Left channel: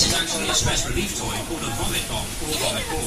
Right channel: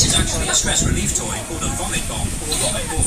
This is actually a stress relief toy called a vomit bomb or vomit ball.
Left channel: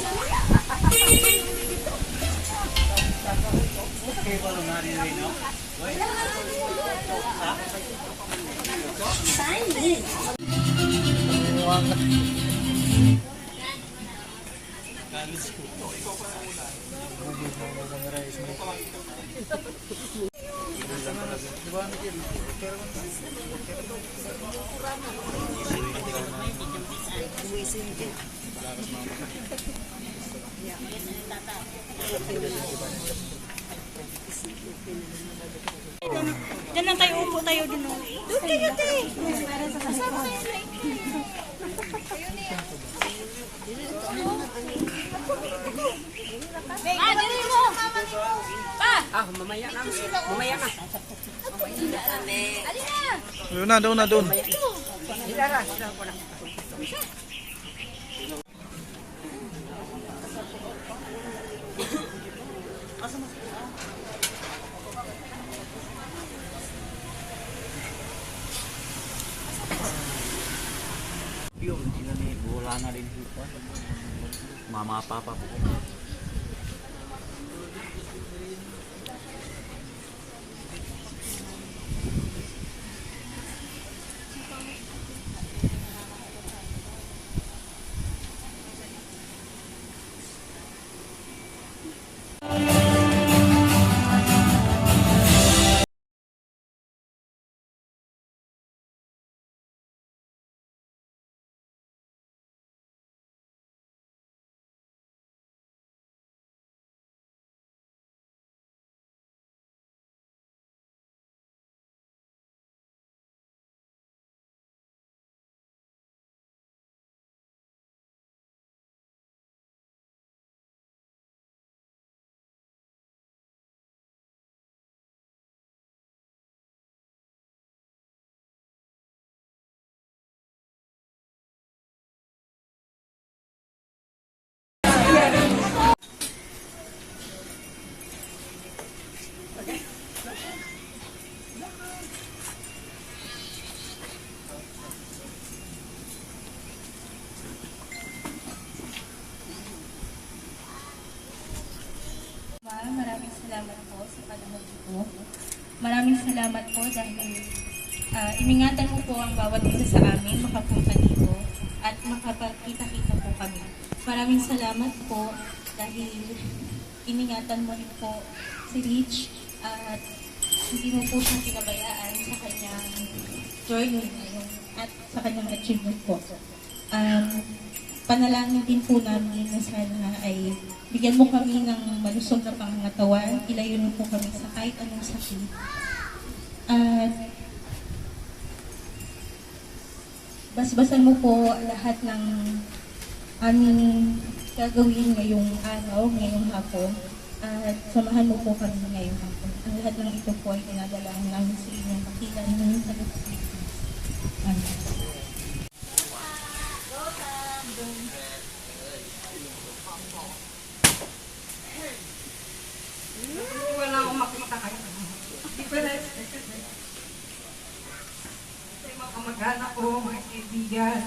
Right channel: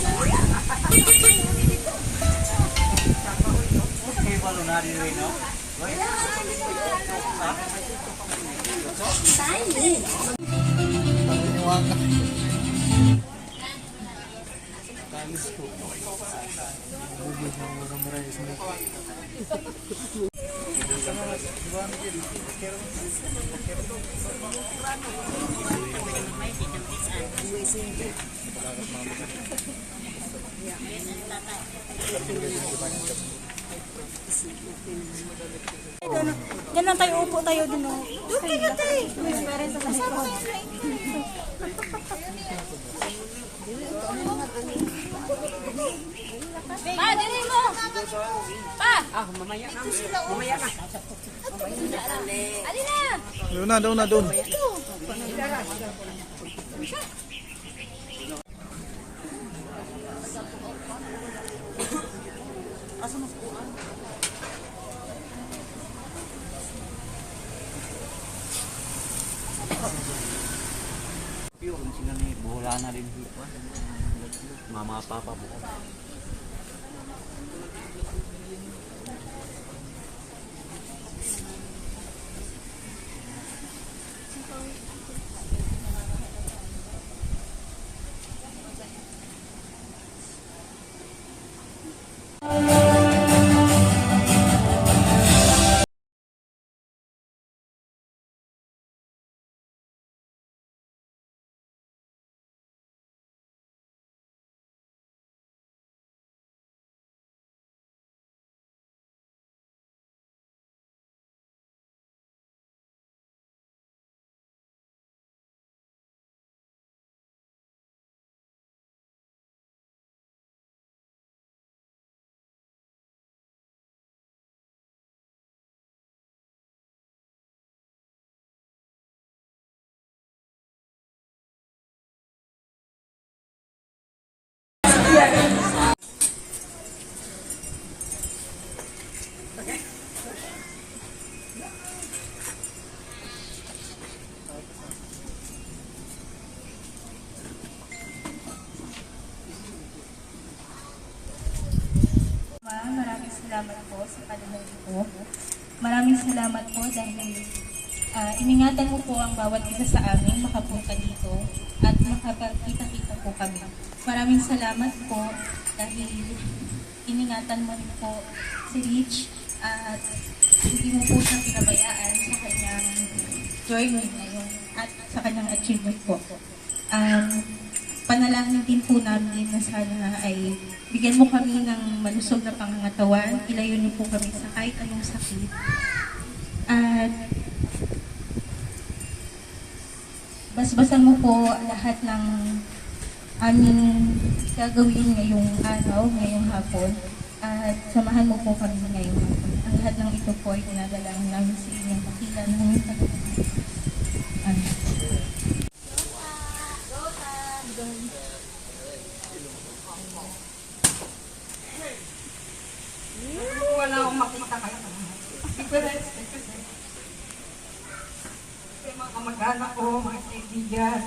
Diyan lang tayo, upo tayo din. Pa, dinin mo! Pa! Ah, mamaya na. Mamaya ka. Doon na, doon na, doon. Yun, sila ni wala na rin dito. Mama, papa po. Maraming salamat po sa panahon ko. Maraming salamat po dahil iningatan mo po ang bawat isa sa amin makapunta dito at makapagkita-kita po kami. Maraming salamat po dahil iningatan mo rin po si Rich at hindi mo po siya pinabayaan sa kanyang journey ngayon at sa kanyang achievement po. Panalangin din po namin na sana ay bigyan mo kami ng malusog na pangangatawan, ilayunin po kami sa kahit anong sakit. At basbasan mo po lahat ng aming gagawin ngayong araw, ngayong hapon. At samahan mo po kami ngayong hapon. Ang lahat ng ito po ay dinadalangin namin sa inyong pakilan ng pagkakas. Amen. Wala akong makakaya. Hindi ko na-expect kasi. Kasi mga kamag-anak ko, mga kaibigan.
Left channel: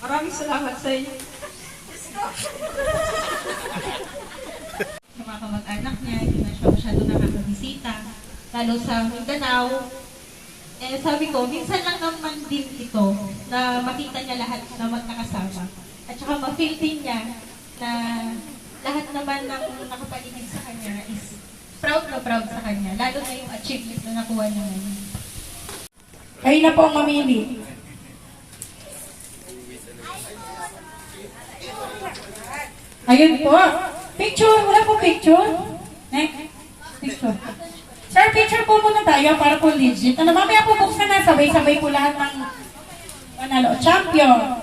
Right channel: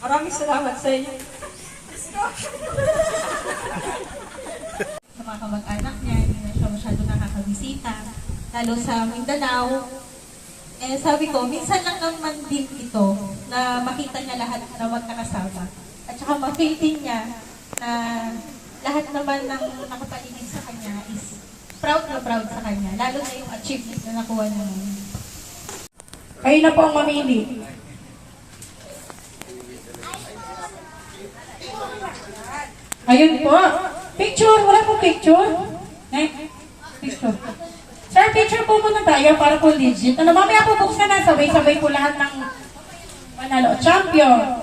Maraming salamat sa inyo. Sa mga kamag-anak niya, hindi na siya masyado nakakabisita. Lalo sa Mindanao. Eh sabi ko, minsan lang naman din ito na makita niya lahat na magkakasama. At saka ma-feel din niya na lahat naman ng nakapaligid sa kanya is proud na proud sa kanya. Lalo na yung achievement na nakuha niya ngayon. Kayo na po ang mamili. Ayun po. Picture. Wala po picture. Picture. Sir, picture po muna tayo para po legit. Ano, mamaya po buksan na. Sabay-sabay po lahat ng manalo. Champion.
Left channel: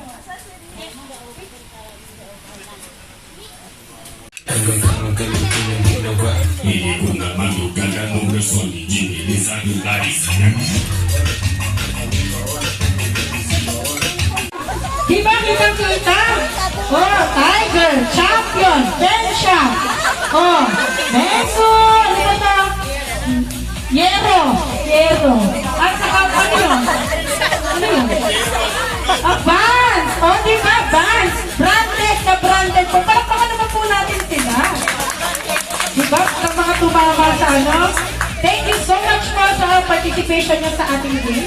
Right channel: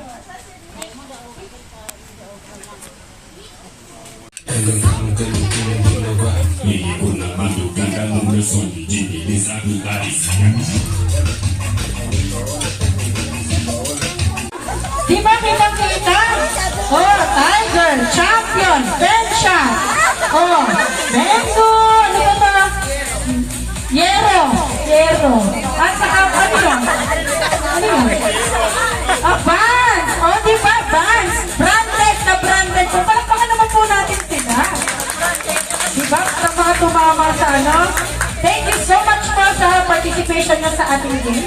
Di ba kitang-kita? Oh, Tiger, Champion, Bensha. Oh, Bengo. Ano ba ito? Yero. At saka, ano yun? Ano yun? Advance. Oh, diba, Vans? Branded na branded po. Palakpakan naman po natin sila. Diba? Sa mga tumama sa ano. Thank you so much po sa participation nyo sa ating game.